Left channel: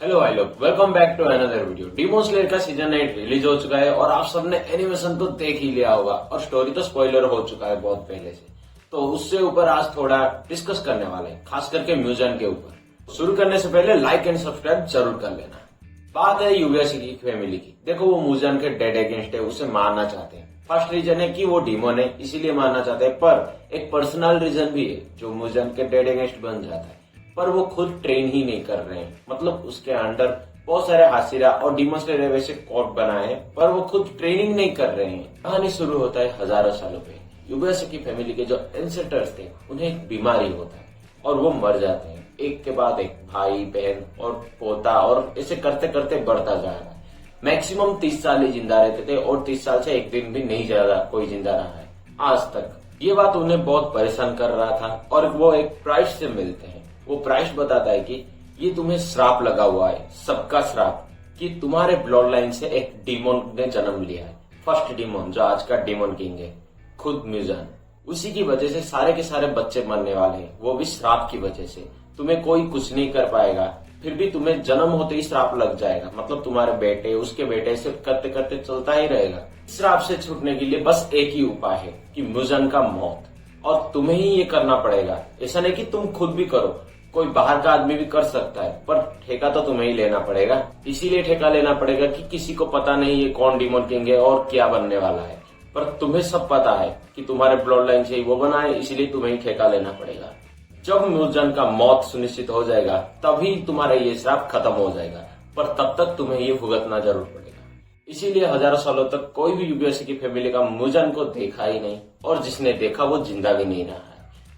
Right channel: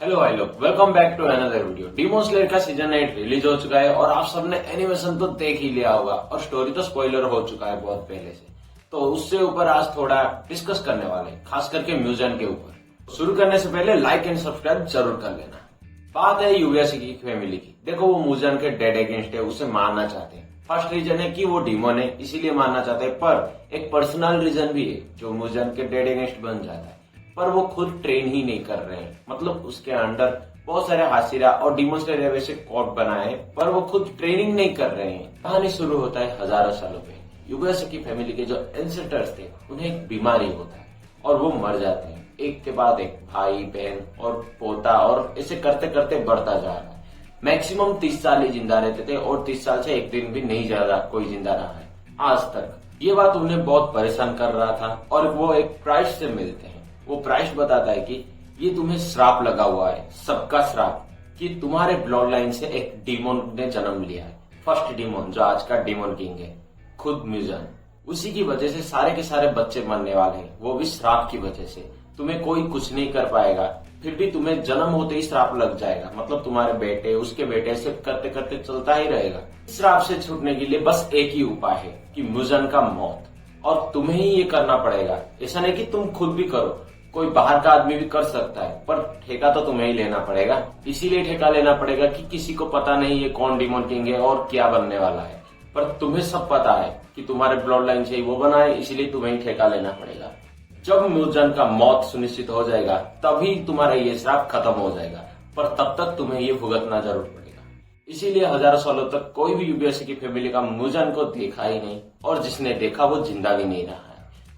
Hello भाई लोग, welcome back to another video. Demon Slayer का सीजन 8 रिलीज हो चुका है और आप सबने एनिमेशन तो देख ही लिया होगा और स्टोरी तो स्पॉइलर हो चुका है बहुत पहले से। तो उससे ऊपर आज थोड़ा डिस्कस करने वाले हैं, खास करके म्यूजन के ऊपर। शुरू करने से पहले लाइक एंड सब्सक्राइब जरूर कर लेना। बात है यूएसए की फैमिली की। देखो, वो म्यूजन के डेड अगेंस्ट है, उसे मारना चाहते हैं। फर्स्ट रीजन है कि वो डीमन है, इसीलिए मारना चाहते हैं। पर एक पर्सनल रीजन भी है जो म्यूजन के डेड अगेंस्ट बन जाता है। पर वो खुद ट्रेन ही नहीं कर रहे हैं, मतलब उसके अंडर बहुत सारे हासिरा और डीमन स्लेयर वैसे कोड बनाए हैं, पर वो खुद ट्रेनिंग नहीं कर रहे हैं। कहानी शुरू होता है हजारों सालों पहले। यूएसए की फैमिली के जो एंसेस्टर्स थे, उन्हें एक बीमारी होता है और वो मर जाते हैं, एक के बाद एक, भाई बहन और पोता, और ऐसे करते करते बढ़ता जा रहा है। मैक्सिमम 30 साल ही जिंदा रहते थे और 30 साल से एक दिन भी नहीं ज्यादा कोई जिंदा रहा है आज तक। ये बात उन्हें बहुत परेशान कर रहा था और वो एक प्राइस से मिलते हैं। वो प्राइस बताता है कि ये तुम्हें श्राप लगा हुआ है, सबका श्राप, कि तुम्हारे ब्लड लाइन से एक डीमन ने जन्म लिया है। फर्स्ट डीमन जो आज का डीमन किंग है, खुद म्यूजन। उसी की वजह से सारे के सारे बच्चे मरने वाले हैं, वो भी श्राप की वजह से। तुम्हें कोई कुछ नहीं कर पाएगा, फिर भी तुम्हें जन्म होते ही श्राप लग जाएगा। मतलब तुम्हारे बेटे, उसके बेटे से करते करते चलता ही रहेगा। श्राप से छूटने के लिए बस एक ही उपाय है कि म्यूजन का मौत, और तुम्हें ही ये करना पड़ेगा। ऐसा नहीं कि तुम खुद भी करो, कोई बाहर का आदमी भी कर सकता है, पर ठेका तो तुम्हें ही लेना पड़ेगा। इसीलिए ठेका लेना पड़ेगा कि किसी को पता नहीं ये कौन डीमन किंग है और क्या बनने वाला है, पर तुम्हें सब पता है कि तुम्हारे ब्लड लाइन से ही वो बना है, इसीलिए तुम्हें ही ठेका लेना पड़ेगा। जब म्यूजन का मौत सुनिश्चित हो जाएगा तभी तुम्हारा ये श्राप खत्म हो जाएगा, पर तब तक तुम्हें ये भुगतना जरूर पड़ेगा। इसीलिए हजारों सालों तक कोई भी यूएसए की फैमिली का म्यूजन को देखा ही नहीं, और जिसने देखा वो जिंदा भी नहीं रहा है।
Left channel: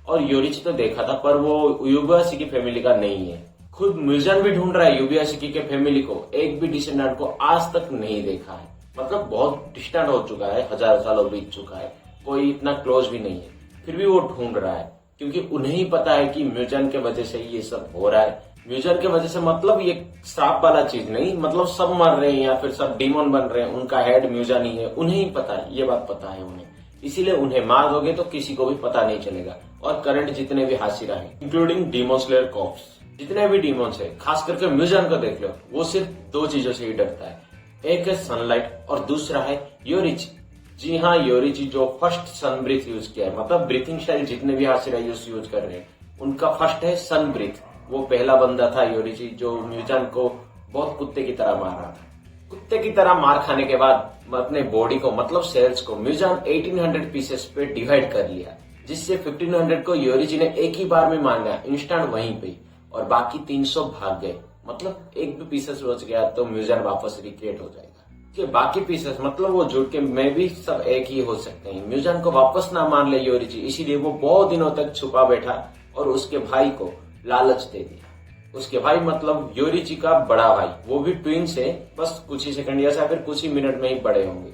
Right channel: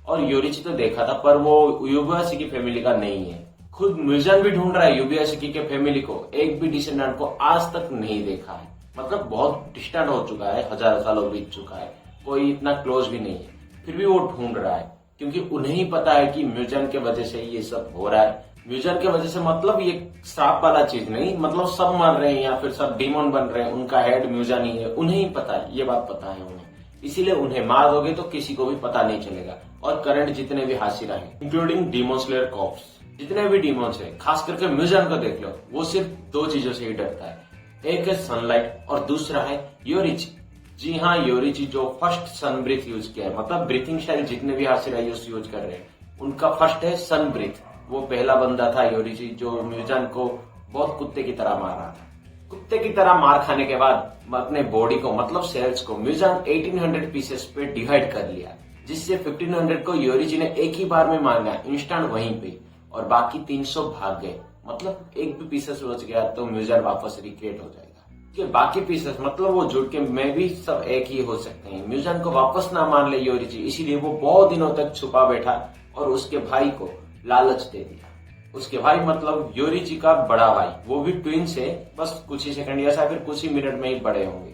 और योरिची तो देखा था, पर वो यूएसए की फैमिली का नहीं है। खुद म्यूजन भी ढूंढ रहा है यूएसए की फैमिली को, एक भी डिसेंडेंट को आज तक नहीं देखा है। मतलब बहुत डिस्टेंट हो चुका है, हजारों सालों बीत चुका है, कोई इतना क्लोज भी नहीं है। फिर भी वो ढूंढ रहा है, क्योंकि उन्हें ही पता है कि म्यूजन के वजह से ये सब हो रहा है। म्यूजन के वजह से मतलब ये श्राप वाला चीज नहीं, मतलब सब मर रहे हैं या फिर सब डीमन बन रहे हैं, उनका हेड म्यूजन ही है। उन्हें ही पता है, ये बात पता है उन्हें। इसीलिए उन्हें मार दोगे तो किसी को भी पता नहीं चलेगा। और करंट जितने भी हासिरा है, इंक्लूडिंग डीमन स्लेयर कॉर्प्स, जितने भी डीमंस है, खास करके म्यूजन को देख लो, वो सिर्फ दो चीजों से ही डरता है। एक है सनलाइट और दूसरा है योरिची। जी हाँ, योरिची जो फर्स्ट सन ब्रीथ यूज किया है, मतलब ब्रीथिंग स्टाइल जितने भी हासिरा यूज कर रहे हैं, उनका फर्स्ट है सन ब्रीथ। वो पहला बंदा था योरिची जो म्यूजन को बहुत कुत्ते की तरह मार रहा था। कुत्ते की तरह मार खाने के बाद अपने बॉडी को, मतलब सेल्स को, म्यूजन 1800 पीसेस पे डिवाइड कर लिया, जिससे 1500 को योरिची ने एक ही बार में मार लिया, इंस्टेंट वहीं पे, और बाकी 300 भाग गए। मतलब एक भी पीसेस बच गया तो म्यूजन वापस रिक्रिएट हो जाएगा। कि बाकी पीसेस, मतलब वो जुड़ के मैं भी सब एक ही हो सकते हैं। म्यूजन को वापस ना मान ले योरिची, इसीलिए वो बहुत दिनों तक छुपा बैठा और उसके भाई को लालच दे दिया। उसके भाई मतलब योरिची का बड़ा भाई, वो भी ट्विन से बस कुछ ही सेकंड या फिर कुछ ही मिनट में ही बड़े होंगे।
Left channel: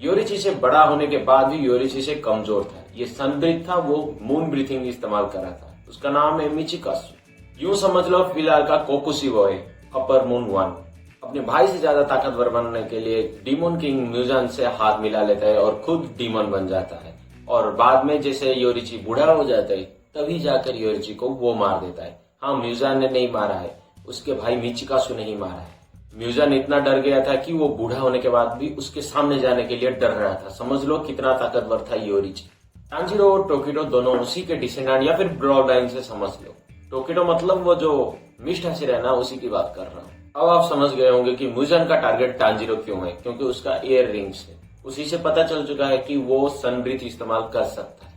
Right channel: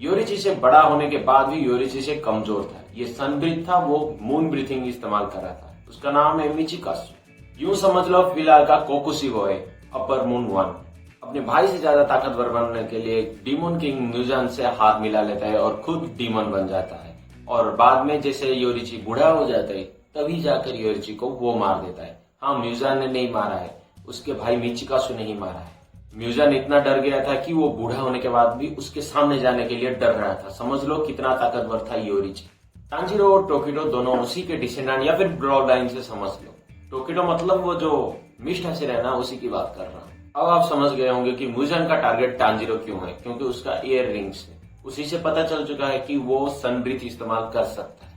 योरिची से बड़ा होने के बाद भी योरिची से कमजोर था। ये सन ब्रीथ था, वो मून ब्रीथिंग इस्तेमाल कर रहा था। उसका नाम है मिचिकासु। यूं समझ लो फिलहाल का कोकुशिबो है, अपर मून 1। अपने भाई से ज्यादा ताकतवर बनने के लिए डीमन किंग म्यूजन से हाथ मिला लेता है और खुद डीमन बन जाता है। और बाद में जैसे योरिची बूढ़ा हो जाता है, तभी जाकर योरिची को वो मार देता है। हाँ, म्यूजन ने नहीं मारा है, उसके भाई मिचिकासु ने ही मारा है। म्यूजन इतना डर गया था कि वो बूढ़ा होने के बाद भी उसके सामने जाने के लिए डर रहा था। समझ लो कितना ताकतवर था योरिची। टांजीरो और टोकिडो दोनों उसी के डिसेंडेंट या फिर ब्लड लाइन से समझ लो। टोकिडो मतलब वो जो मिस्ट हासिरा है ना, उसी की बात कर रहा हूँ। अब आप समझ गए होंगे कि म्यूजन का टारगेट टांजीरो क्यों है, क्योंकि उसका ईयर रिंग्स है। उसी से पता चल चुका है कि वो सन ब्रीथ इस्तेमाल कर सकता है।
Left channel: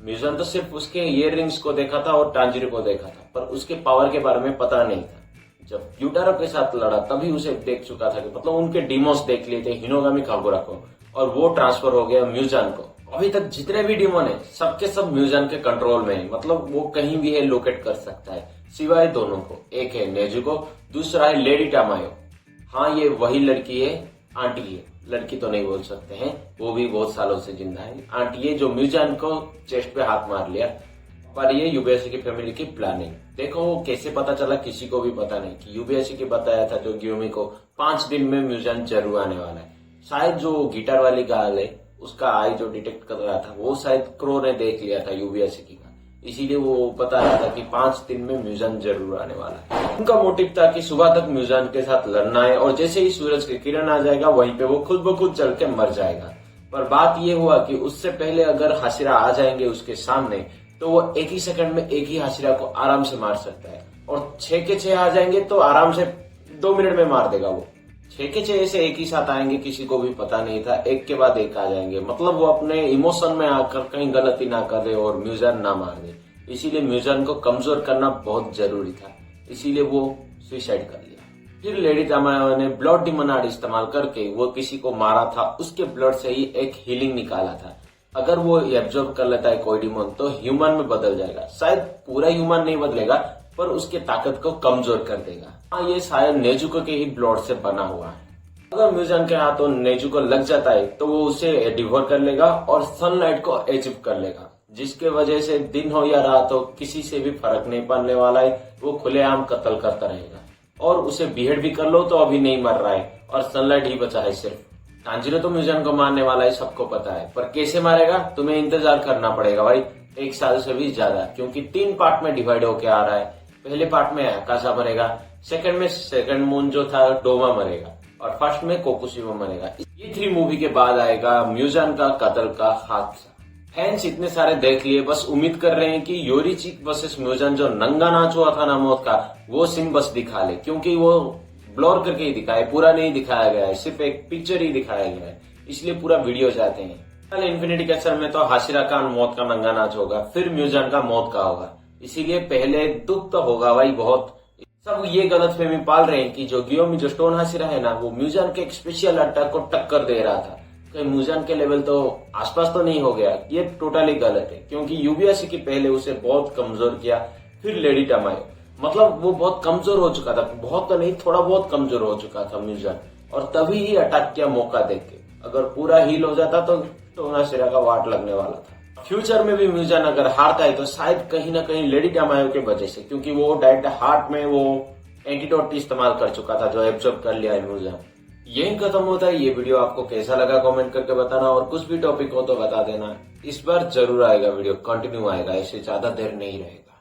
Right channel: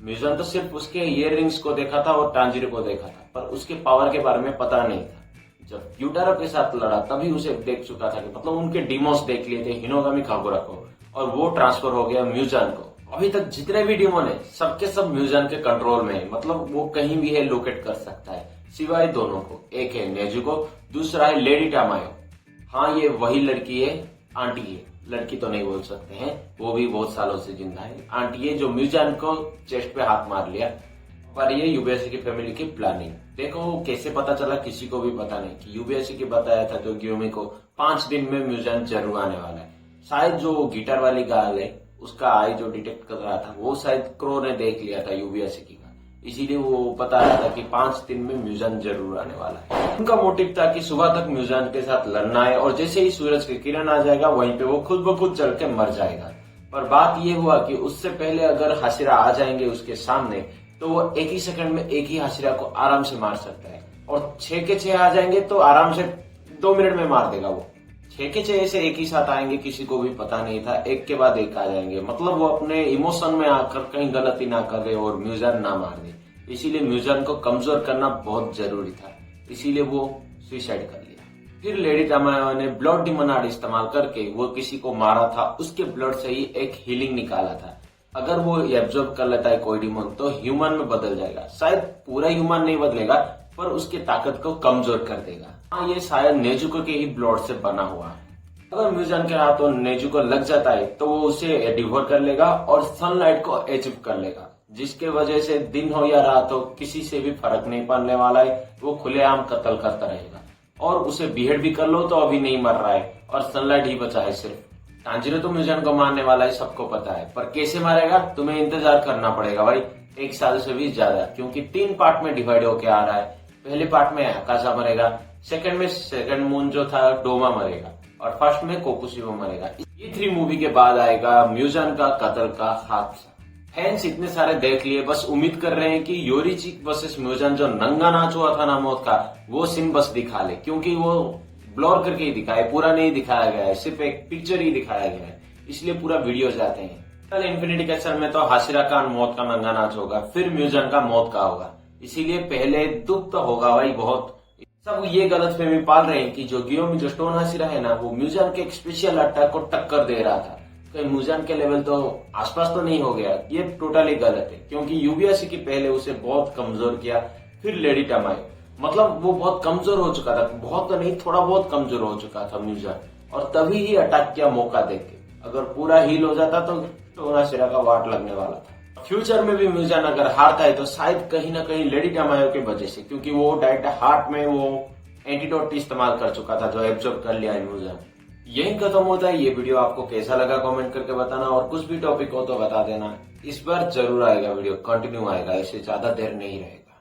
म्यूजन तो सिर्फ उसके ईयर रिंग्स को देखा था और टांजीरो को देखा था, पर उसके पावर के बारे में पता नहीं था। जब युटारो के साथ लड़ा तभी उसे देख चुका था कि मतलब उनके डीमोस देख लिए थे, हिनोगामी कागुरा को, और वो ट्रांसफर हो गया म्यूजन को। अभी तक जितने भी डीमन है, सबके सब म्यूजन के कंट्रोल में है। मतलब वो कहीं भी है लोकेट कर सकता है, सिवाय दोनों को। एक है नेजुको, दूसरा है लेडी टामायो। हाँ, ये वही लड़की है, आंटी है, लड़की तो नहीं बोल सकते हैं, वो भी बहुत सालों से जिंदा है। आंटी है जो म्यूजन को चेस्ट पे हाथ मार लिया। पर ये यूएसए की फैमिली की प्लानिंग देखो, कैसे पता चला किसी को भी पता नहीं कि यूएसए की बताया था जो ग्यूमी को 5 दिन में म्यूजन जरूर आने वाला है। शायद जो गिटार वाली गर्ल है, उसका आई जो डिटेक्ट कर रहा था, वो शायद क्रो ने देख लिया था यूएसए की का, इसीलिए वो बता रहा था कि 5 दिन में म्यूजान जरूर आने वाला है। उनका मोटिव था कि सुबह तक म्यूजान के साथ लड़ना है और जैसे ही सूरज की किरण आ जाएगा वहीं पे वो खुद ब खुद जल के मर जाएगा। पर बात ये हुआ कि उससे पहले अगर हाशिरा आ जाएंगे उसके सामने तो वो एक ही सेकंड में एक ही हाशिरा को आराम से मार सकता है, और 6 के 6 आ जाएंगे तो आराम से 2 मिनट में मार देगा वो। 6 के 6 ऐसे एक ही साथ आएंगे, किसी को भी पता नहीं था, एक के बाद एक आ जाएंगे। मतलब वो अपने इमोशन में आकर कहीं गलती ना कर दे और म्यूजान ना मार दे। इसीलिए म्यूजान को कमजोर करना बहुत जरूरी था, इसीलिए वो सुसाइड कर लिया। फिर लेडी तमायो ने ब्लड डिमन आर्ट इस्तेमाल करके वो किसी को मारा था, उसके ब्लड से ही एक हीलिंग निकाला था। अगर वो एब्जॉर्ब कर लेता है कोई डिमन तो ह्यूमन में बदल जाएगा। शायद पूरा ह्यूमन नहीं बदलेगा पर उसकी ताकत को कमजोर कर देगा। हाँ, ये शायद नेजुको के ही ब्लड से बना हुआ है। अगर म्यूजान के हाथों नेजुको लग जाता है तो वो उसे डिवोर कर लेगा और सनलाइट को अचीव कर लेगा, जिसके वजह से दिन हो या रात हो किसी से भी फर्क नहीं पड़ने वाला है। वो खुलेआम कत्ल करता रहेगा और उसे बीहेड भी कर लो तो अभी नहीं मर रहा है और सनलाइट ही बचा है सिर्फ। तांजीरो तो म्यूजान को मारने वाला है, सबको पता है, पर कैसे मारेगा तुम्हें इंतजार करना पड़ेगा भाई 1 साल से भी ज्यादा, क्योंकि 3 पार्ट में डिवाइड होके आ रहा है। पहले पार्ट में आकाशा मरेगा, सेकंड में सेकंड मून जो था डोमा मरेगा और फर्स्ट में कोकुशिमा मरेगा। ये 3 मूवी के बाद आएगा म्यूजान का कत्ल का हादसा। फैंस इतने सारे देख लिए, बस उम्मीद कर रहे हैं कि योरीचिक वर्सेस म्यूजान जो नंगा नाच हुआ था ना मौत का, वो सीन बस दिखा ले, क्योंकि वो ब्लर करके ही दिखाया, पूरा नहीं दिखाया गया है, सिर्फ एक पिक्चर ही दिखाया गया है, इसलिए पूरा वीडियो चाहते हैं। कल इन्फिनिटी कैसल में तो हाशिरा का मौत का नंगा नाच होगा, फिर म्यूजान का मौत का होगा, इसीलिए पहले दुख तो होगा भाई बहुत। सब ये गलतफहमी पाल रहे हैं कि जो गियोमी जो स्टोन हाशिरा है ना, वो म्यूजान के एक स्पेशल अटैक को टक्कर दे रहा था, कहीं म्यूजान के लेवल तो आसपास तो नहीं हो गया। ये टोटली गलत है, क्योंकि यूबीएससी की पहले उसे बहुत कमजोर किया, फिर लेडी टमायो, मतलब वो बहुत कमजोर हो चुका था, बहुत तो नहीं थोड़ा बहुत कमजोर हो चुका था म्यूजान, और तभी ही अटैक किया मौका देके। अगर पूरा हील हो जाता तो स्टोन हाशिरा का वाट लगने वाला था। फ्यूचर में भी म्यूजान अगर हारता है तो शायद कहीं ना कहीं लेडी टमायो के वजह से, क्योंकि वो डायरेक्ट हार्ट में वो एंटीडोट इस्तेमाल कर चुका था जो एब्जॉर्ब कर लिया है म्यूजान। यही खत्म होता है ये वीडियो। आपको कैसा लगा कमेंट करके बताना, और कुछ भी टॉपिक हो तो बता देना। इस बार जरूर आएगा वीडियो, कंटिन्यू आएगा, ऐसे ज्यादा देर नहीं रहेगा।